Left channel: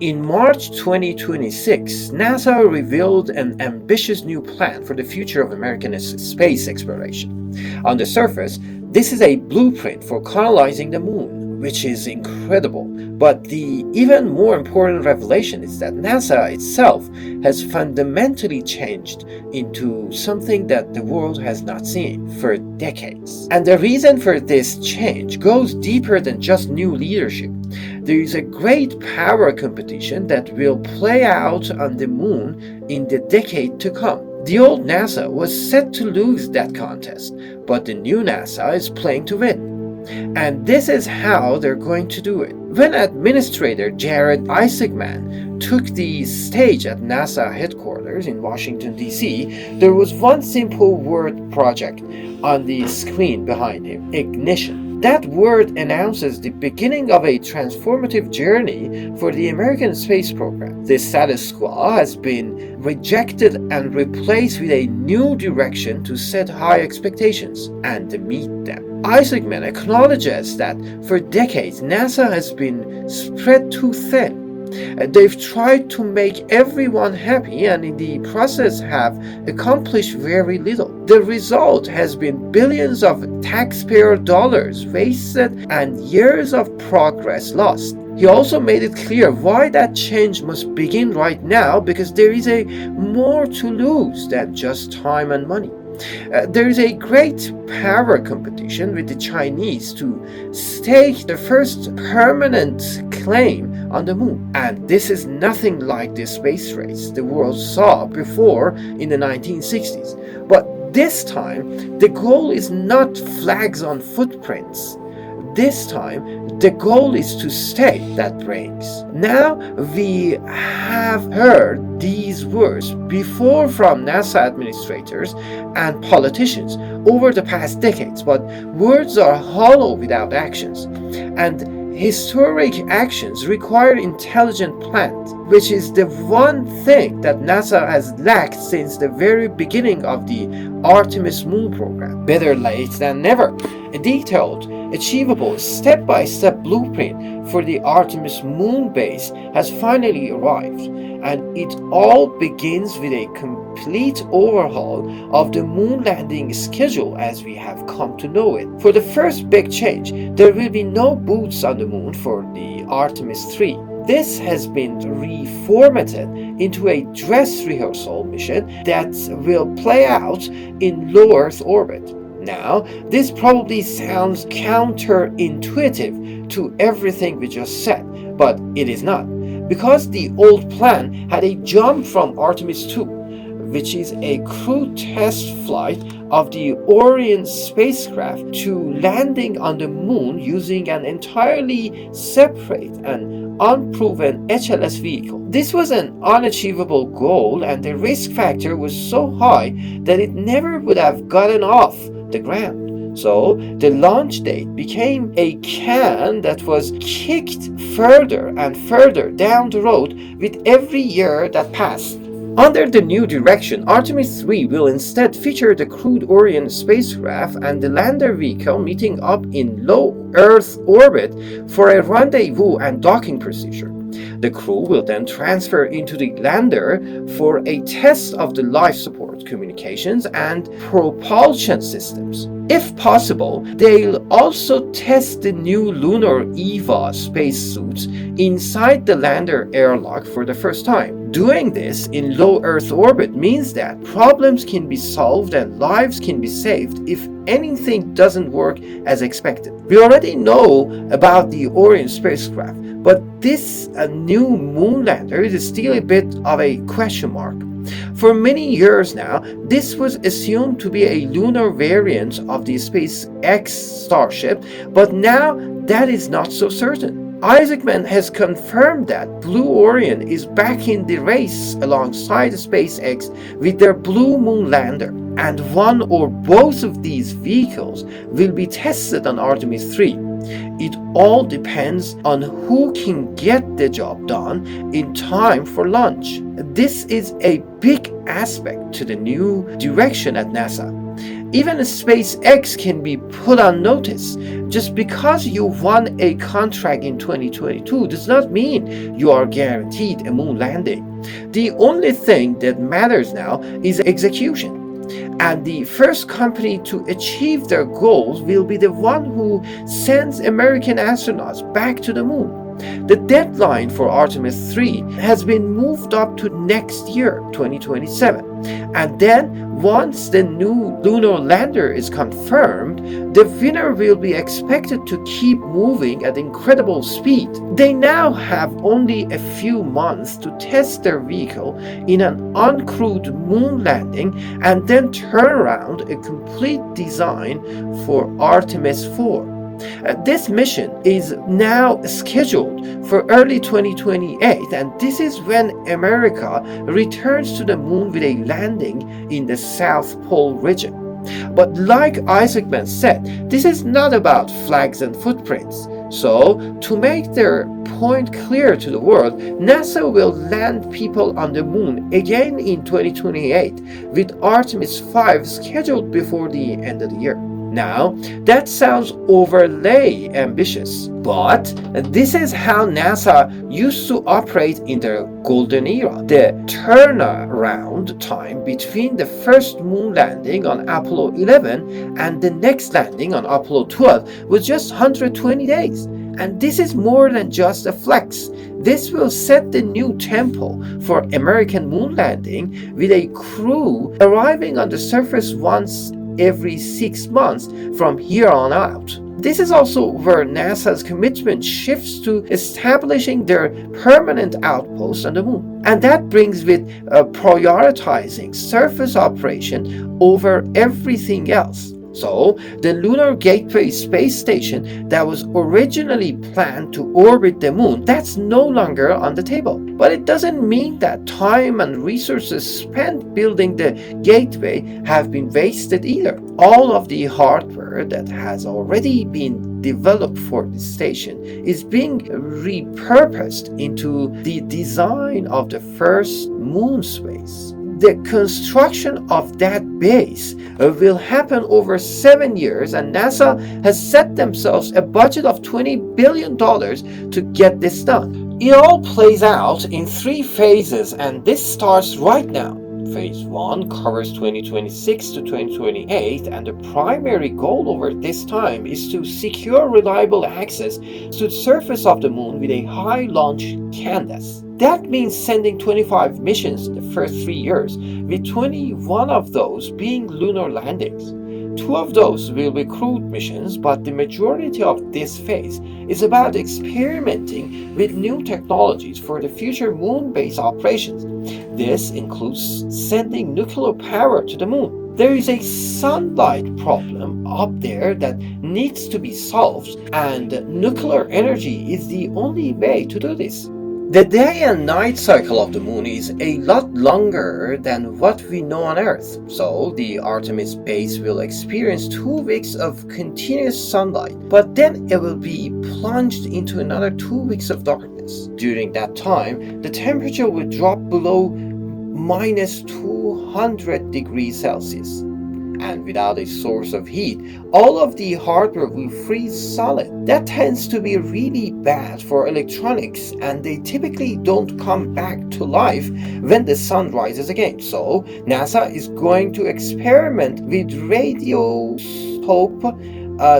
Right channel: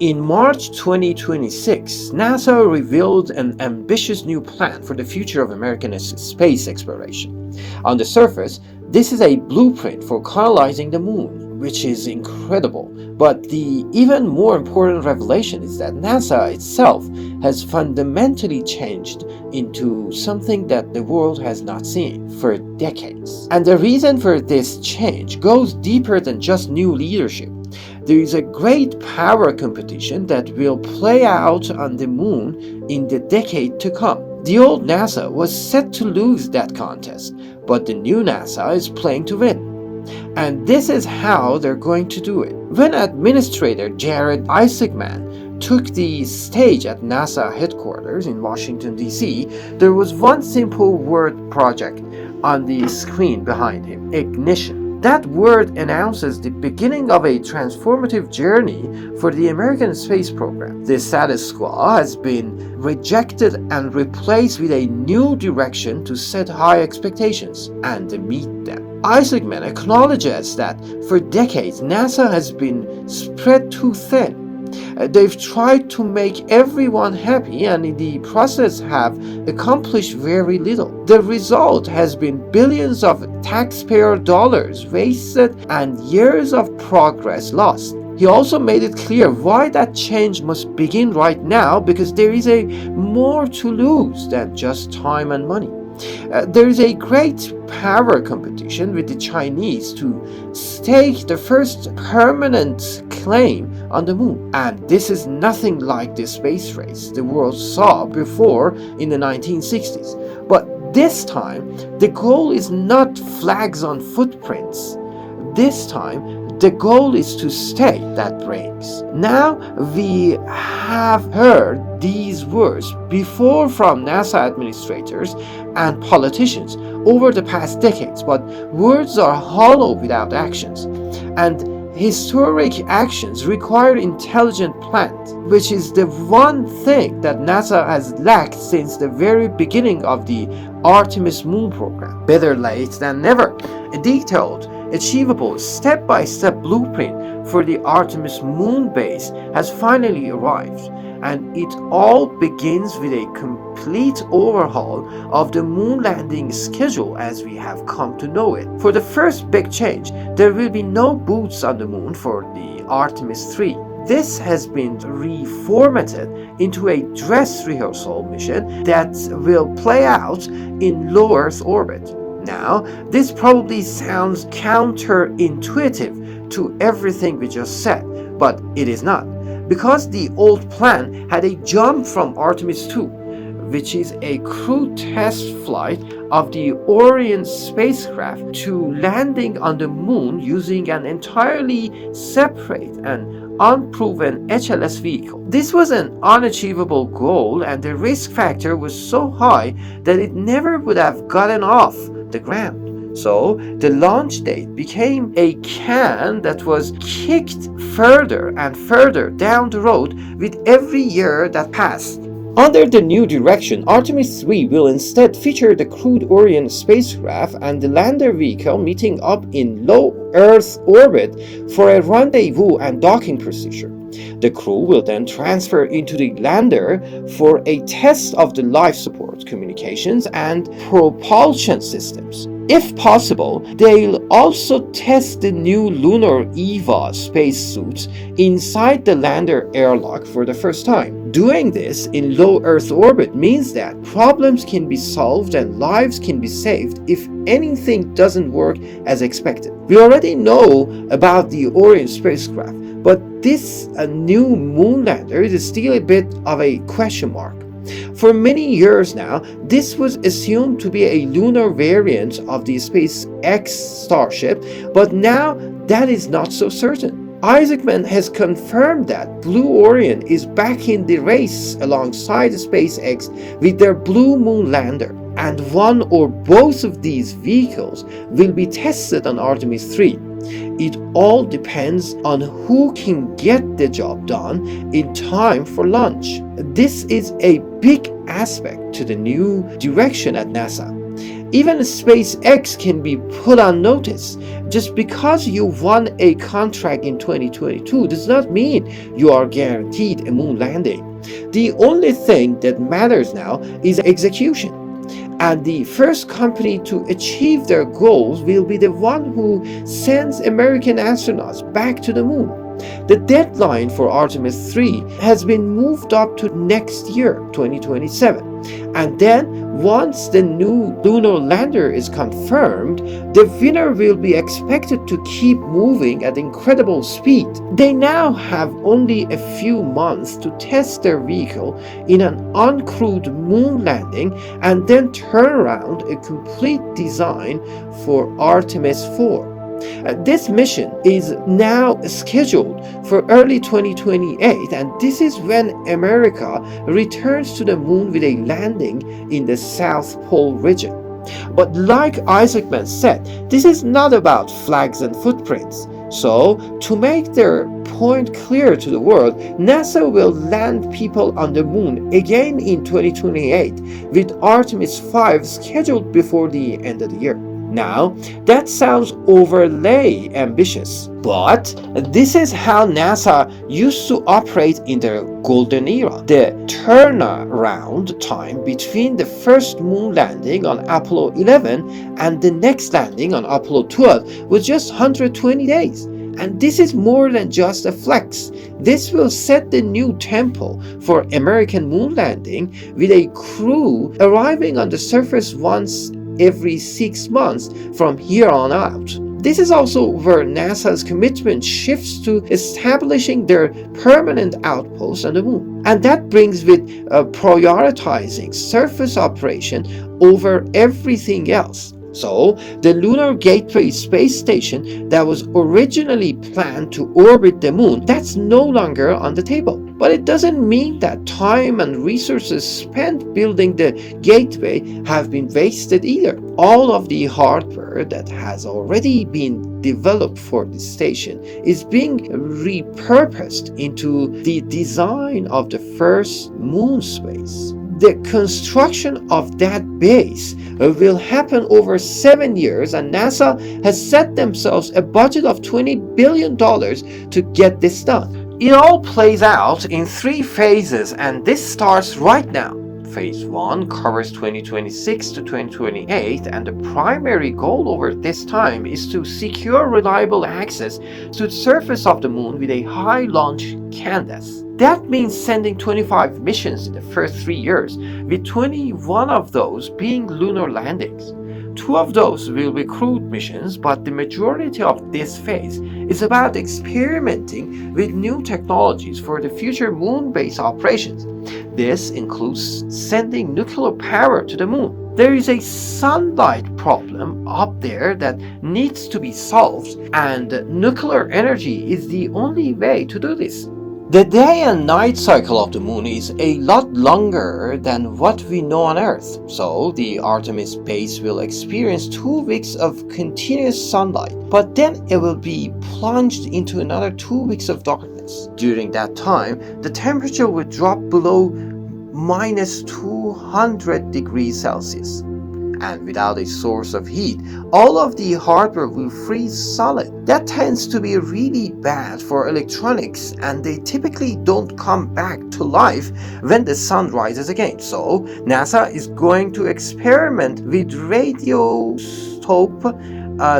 In March 2026, NASA revealed an ambitious new plan for the future of American space exploration. On the surface, this is a blueprint for colonizing the moon, which is incredible. But the even more important revelation is that NASA itself has fundamentally changed into something that the world has not seen for decades. And the reason for this change goes deeper than just new leadership. There is a great power competition that will play out on the moon in the decade to come. The old NASA was set to lose that contest, but the new NASA is playing to win. And this is how they're going to do it. When Administrator Jared Isaacman took the stage at NASA headquarters in Washington, D.C., there was one simple word project on the screen behind him: ignition. That word announces the beginning of a transformative journey for the American space program. The status quo has been rejected and replaced with a new direction to set high expectations and meet them. Isaacman acknowledges that for decades NASA has been spread too thin. They've tried to make everyone happy and in the process have accomplished very little. The result has been billions of taxpayer dollars wasted and years of progress lost. He also made it clear why that change must begin right now, because there is a more to lose than just time and money. There is a great power competition with the Chinese to stake the first permanent claim on the moon. And this is nothing like the space race the world saw before in the 1960s. But this time, the goal is not flags on footprints. This time, the goal is to stay that brings. Now we have heard these words before from NASA administrators and politicians over the past decades, but words are hollow without actions. And historic actions require intelligent plans, which is the one thing that NASA has lacked since the very beginning of the Artemis moon program. Better late than never. A detailed, achievable, step-by-step blueprint for the Artemis moon base has finally arrived, and it all begins with a complete overhaul of the moon landing schedule as we have come to know it. For the first big change, there will be no boots on the moon for the Artemis 3. This has been reformatted into a dress rehearsal mission that will play out in low Earth orbit. Now, this probably sounds counterintuitive to everything we just said, but it is not, because the old plan had a jump from Artemis 2, which is a crew test flight of the Orion spacecraft, to landing on the moon using an entirely separate and unproven HLS vehicle. This was an unachievable goal, and the risk factor was so high that it never would have gotten off the ground. So the launch date became a can that was kicked further and further down the road with every year that passed. Under the new direction, Artemis 3 will instead feature the crewed Orion spacecraft and the lander vehicle meeting up in low Earth orbit for a rendezvous and docking procedure. The crew will then transfer into the lander for a test of the life support, communications, and propulsion systems. If possible, they'll also test the new lunar EVA spacesuits inside the lander airlock for the first time. Doing this in low Earth orbit means that problems can be solved and lives can be saved if anything doesn't work as expected. We already know about the Orion spacecraft, but this new moon lander is still a bit of a question mark. For many years now, this was assumed to be a lunar variant of the SpaceX Starship, but now that is not so certain. Isaacman has confirmed that Blue Orion is back in the race alongside SpaceX with their Blue Moon lander, and one or both of these vehicles will be tested on Artemis 3. It all depends on who can get the job done in time for launch. This is a big aspect to the new direction at NASA. Even SpaceX can be put on notice. Just because you won a contract in 2022 does not mean you are guaranteed a moon landing. The only thing that matters now is execution. And the first company to achieve their goals will be the one who sends American astronauts back to the moon. The deadline for Artemis 3 has been moved up to next year, 2027. And then, once the new lunar lander is confirmed, the winner will be expected to keep moving at incredible speed. They now have only a few months to test their vehicle in an uncrewed moon landing and then turn around a complete design for Artemis 4. This mission is now scheduled for early 2028, and this is when America returns to the moon with a landing in the South Pole region. But like Isaacman said, this is not about flags and footprints. So, to make their point clear to the world, NASA will land people on the moon again in 2028, with Artemis 5 scheduled before the end of the year. Now, that sounds overly ambitious, but this is how NASA used to operate in their golden era. The turnaround time between the first moon landing on Apollo 11 and the next landing on Apollo 12 was just 120 days. And this is more than just a flex. This will set the new tempo for American moon landing, with a crew arriving on the surface once every 6 months from here on out. This is also where NASA's commitment shifts to establishing their permanent outpost on the moon. And that brings with prioritizing surface operation over everything else. So, the Lunar Gateway space station that was originally planned to orbit the moon, that's no longer on the table. But it doesn't mean that time and resources spent building the gateway have been wasted either. All of the hardware that has already been developed for the station is being repurposed into the design of the first moon space. The construction of that base will happen over 7 years, and NASA has set themselves a budget of $20 billion to get this done. It all plays out in 3 phases, and this starts right now. Phase 1 covers 2026 to 2028, and the primary goal over this time is to secure reliable access to the surface of the moon with a high launch cadence. That means sending 25 missions in the first 3 years, with 21 of those being lunar landings. 2 of those will be crewed missions, but the majority of this phase is about experimenting with new technologies for the future moon-based operations. This includes sending nuclear power to the moon. There is a sunlight problem up there that needs to be solved, and nuclear energy is the only way to do this. The day and night cycle of the moon is a lot longer than what we know on Earth, so the Artemis base will experience 2 weeks of continuous sunlight, but then it will be plunged into another 2 weeks of darkness. During that time, the temperature will drop below minus 200 degrees Celsius. And without a source of heat, all of the hardware will freeze solid. That tends to be really bad for electronics, and they typically don't come back to life when the sun rises again. So NASA is going to experiment with radioisotope,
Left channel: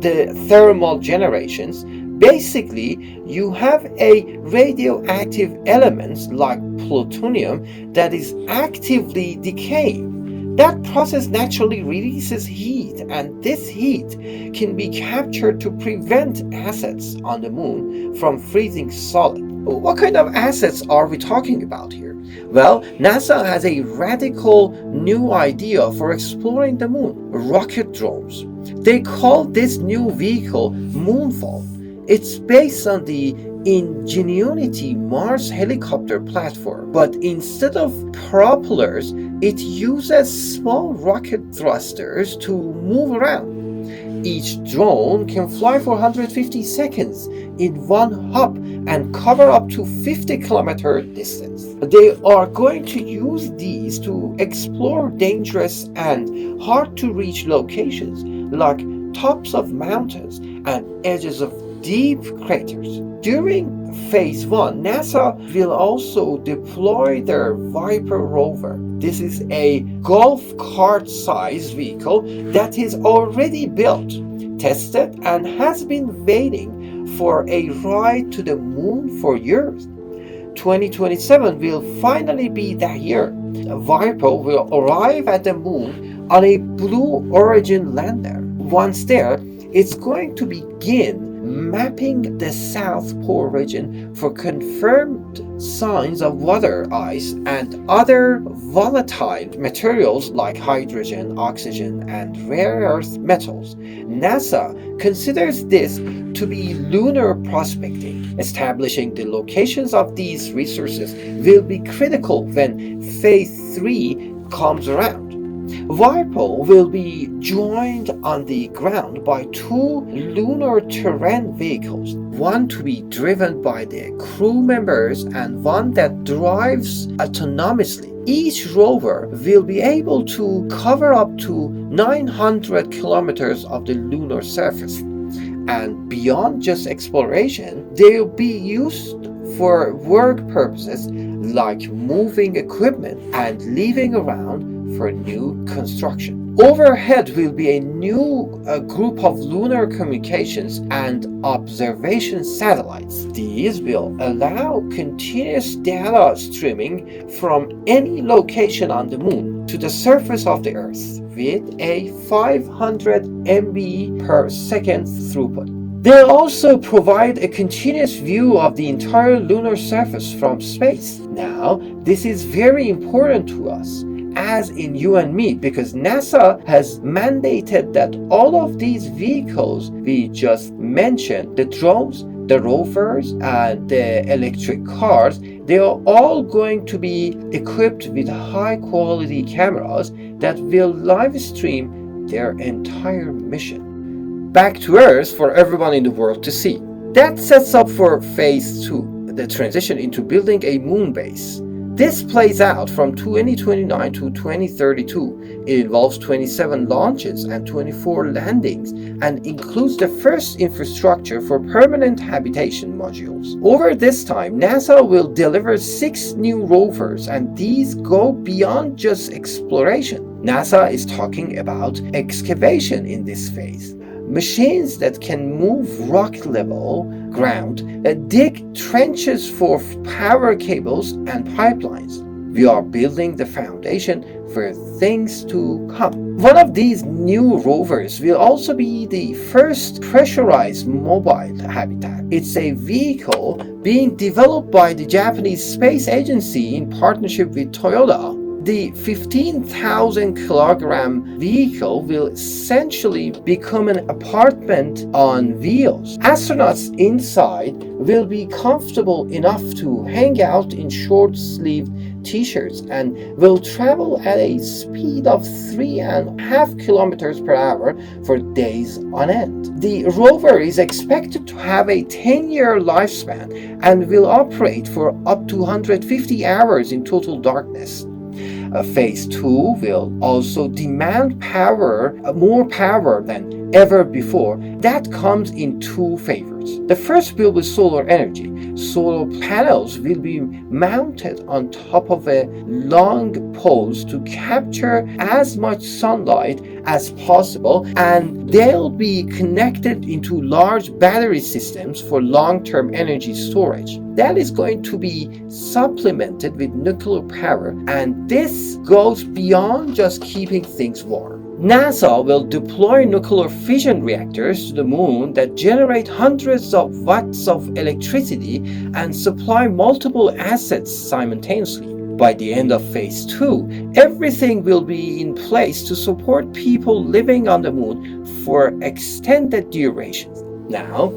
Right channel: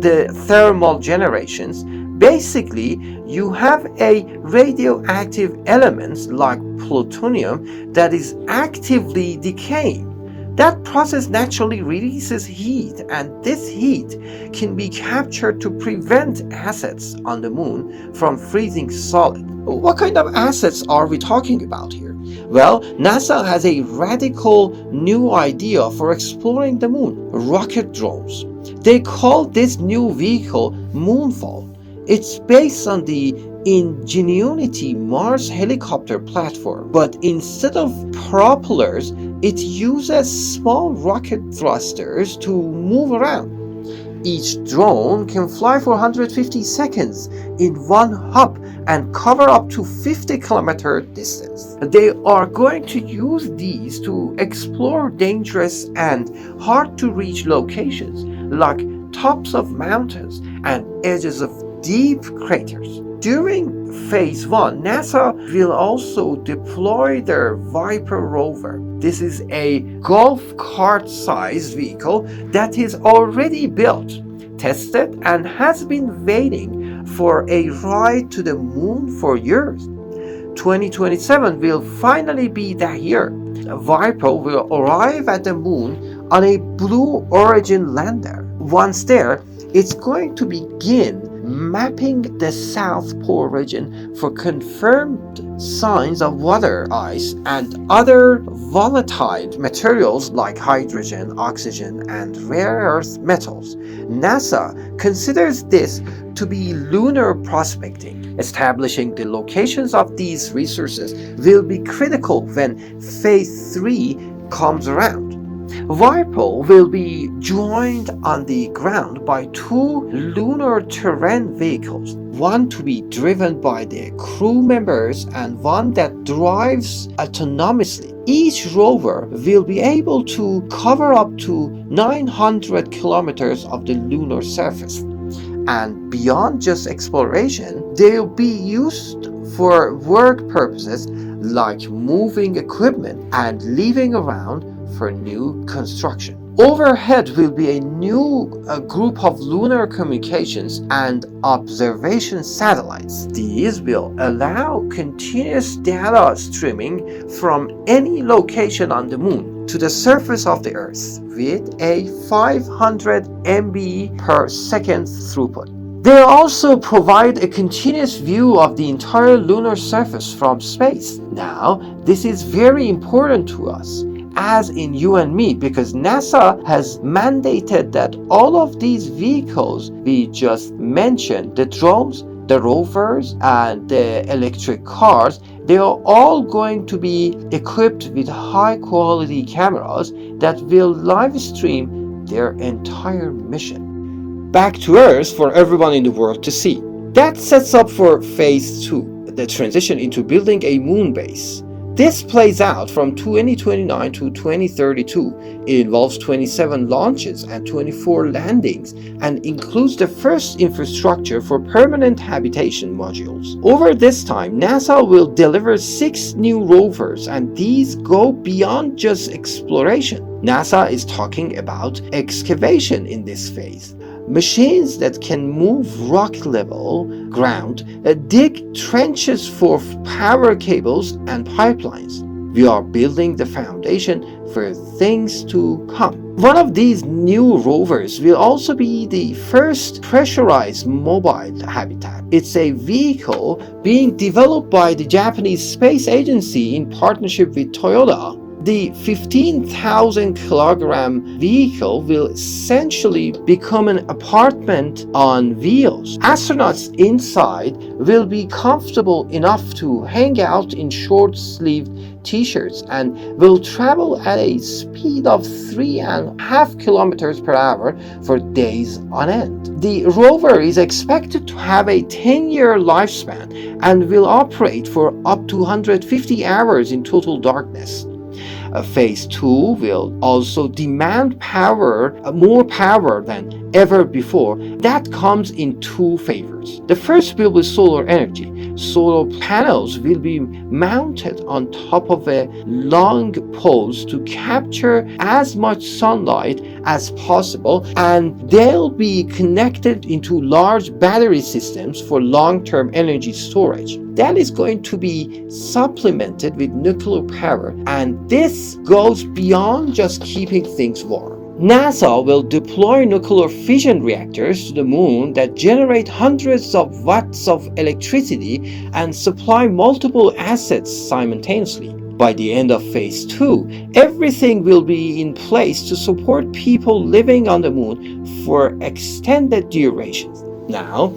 the thermal generations. Basically, you have a radioactive element like plutonium that is actively decaying. That process naturally releases heat, and this heat can be captured to prevent assets on the moon from freezing solid. What kind of assets are we talking about here? Well, NASA has a radical new idea for exploring the moon: rocket drones. They call this new vehicle Moonfall. It's based on the Ingenuity Mars helicopter platform, but instead of propellers, it uses small rocket thrusters to move around. Each drone can fly for 150 seconds in one hop and cover up to 50-kilometer distance. They are going to use these to explore dangerous and hard-to-reach locations like tops of mountains and edges of deep craters. During Phase 1, NASA will also deploy their Viper rover. This is a golf cart-sized vehicle that is already built, tested, and has been waiting for a ride to the moon for years. 2027 will finally be that year. Viper will arrive at the moon on a Blue Origin lander. Once there, it's going to begin mapping the South Pole region for confirmed signs of water ice and other volatile materials like hydrogen, oxygen, and rare earth metals. NASA considers this to be lunar prospecting. Establishing the locations of these resources will be critical when Phase 3 comes around. Viper will be joined on the ground by two lunar terrain vehicles, one to be driven by the crew members and one that drives autonomously. Each rover will be able to cover up to 900 kilometers of the lunar surface. And beyond just exploration, they'll be used for work purposes like moving equipment and leaving around for new construction. Overhead will be a new group of lunar communications and observation satellites. These will allow continuous data streaming from any location on the moon to the surface of the Earth with a 500 MB per second throughput. They also provide a continuous view of the entire lunar surface from space. Now, this is very important to us, as in you and me, because NASA has mandated that all of these vehicles we just mentioned, the drones, the rovers, and the electric cars, they are all going to be equipped with high quality cameras that will live stream their entire mission back to Earth for everyone in the world to see. That sets up for Phase 2, the transition into building a moon base. This plays out from 2029 to 2032. It involves 27 launches and 24 landings and includes the first infrastructure for permanent habitation modules. Over this time, NASA will deliver 6 new rovers, and these go beyond just exploration. NASA is talking about excavation in this phase. Machines that can move rock level ground, dig trenches for power cables and pipelines. We are building the foundation for things to come. One of these new rovers will also be the first pressurized mobile habitat. It's a vehicle being developed by the Japanese Space Agency in partnership with Toyota. The 15,000 kilogram vehicle will essentially become an apartment on wheels. Astronauts inside will be comfortable enough to hang out in short-sleeved t-shirts and will travel at a speed of 3.5 kilometers per hour for days on end. The rover is expected to have a 10-year lifespan and will operate for up to 150 hours in total darkness. Phase 2 will also demand more power than ever before. That comes in two favors. The first will be solar energy. Solar panels will be mounted on top of a long poles to capture as much sunlight as possible, and they'll be connected into large battery systems for long-term energy storage. That is going to be supplemented with nuclear power, and this goes beyond just keeping things warm. NASA will deploy nuclear fission reactors to the moon that generate hundreds of watts of electricity and supply multiple assets simultaneously. By the end of Phase 2, everything will be in place to support people living on the moon for extended durations. Now,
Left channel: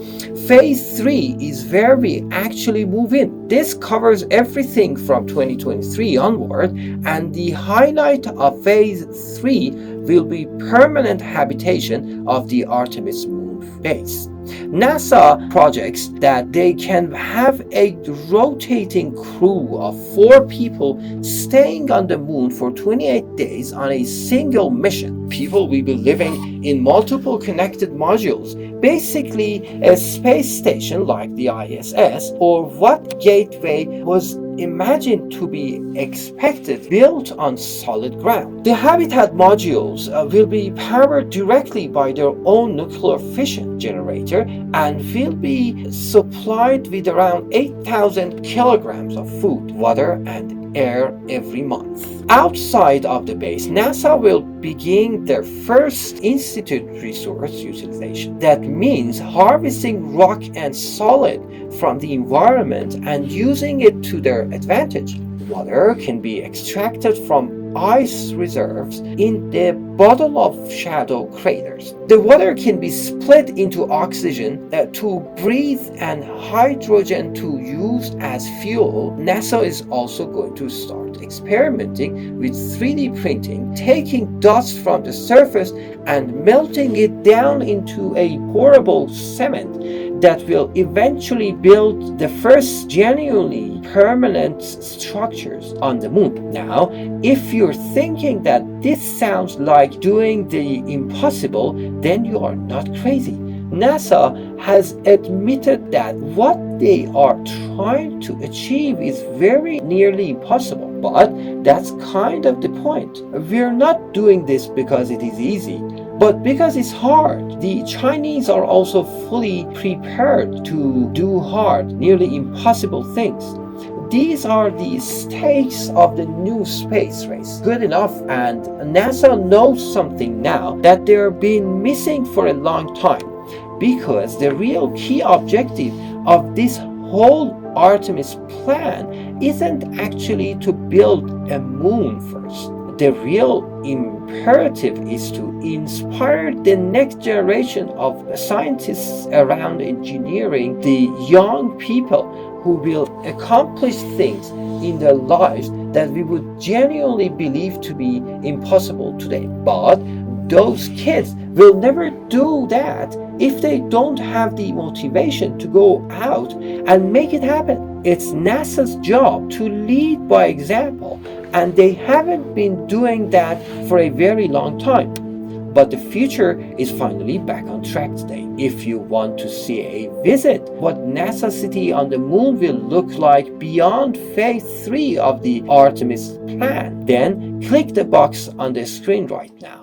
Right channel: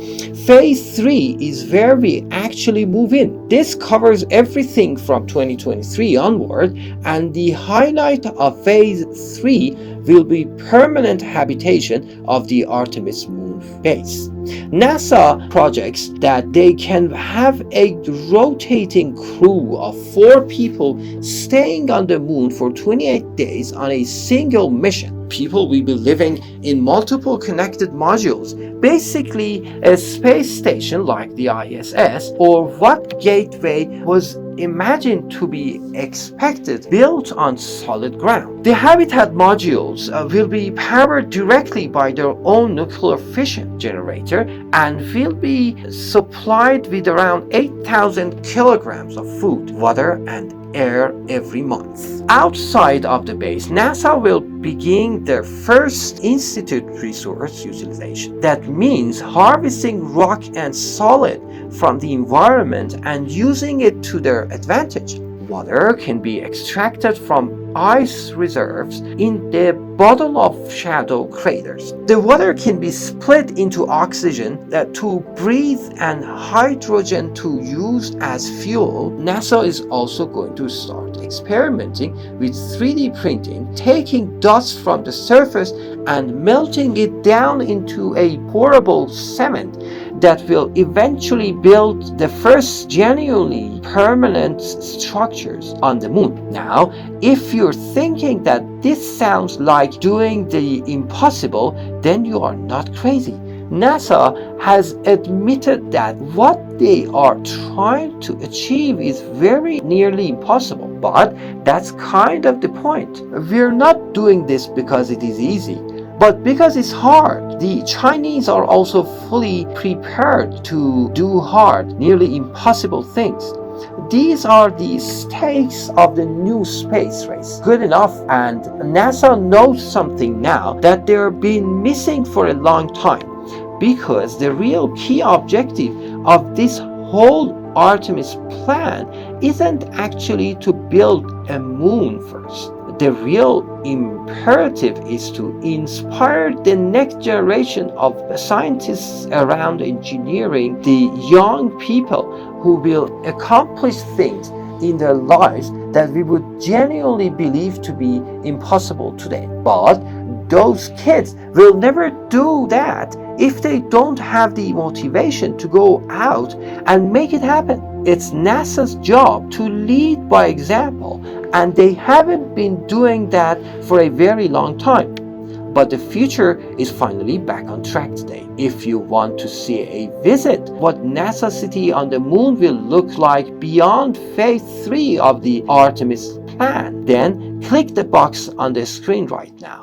phase 3 is where we actually move in. This covers everything from 2023 onward, and the highlight of phase 3 will be permanent habitation of the Artemis moon base. NASA projects that they can have a rotating crew of 4 people staying on the moon for 28 days on a single mission. People will be living in multiple connected modules, basically a space station like the ISS, or what Gateway was imagined to be expected, built on solid ground. The habitat modules will be powered directly by their own nuclear fission generator and will be supplied with around 8,000 kilograms of food, water, and air every month. Outside of the base, NASA will begin their first institute resource utilization. That means harvesting rock and solid from the environment and using it to their advantage. Water can be extracted from ice reserves in the bottom of shadow craters. The water can be split into oxygen to breathe and hydrogen to use as fuel. NASA is also going to start experimenting with 3D printing, taking dust from the surface and melting it down into a pourable cement that will eventually build the first genuinely permanent structures on the moon. Now, if you're thinking that this sounds like doing the impossible, then you are not crazy. NASA has admitted that what they are trying to achieve is very nearly impossible, but that's kind of the point. We're not doing this because it is easy, but because it's hard. The Chinese are also fully prepared to do hard, nearly impossible things. These are the stakes of the new space race. Good enough, and NASA knows something now that they've been missing for a long time, because the real key objective of this whole Artemis plan isn't actually to build a moon first. The real imperative is to inspire the next generation of scientists around engineering, the young people who will accomplish things in their lives that we would genuinely believe to be impossible today. But those kids will never do that if they don't have the motivation to go out and make it happen. It's NASA's job to lead by example, and they haven't been doing that for a very long time. But the future is finally back on track today. If you want to see a visit what NASA City on the Moon will look like beyond phase 3 of the Artemis plan, then click the box on the screen right now.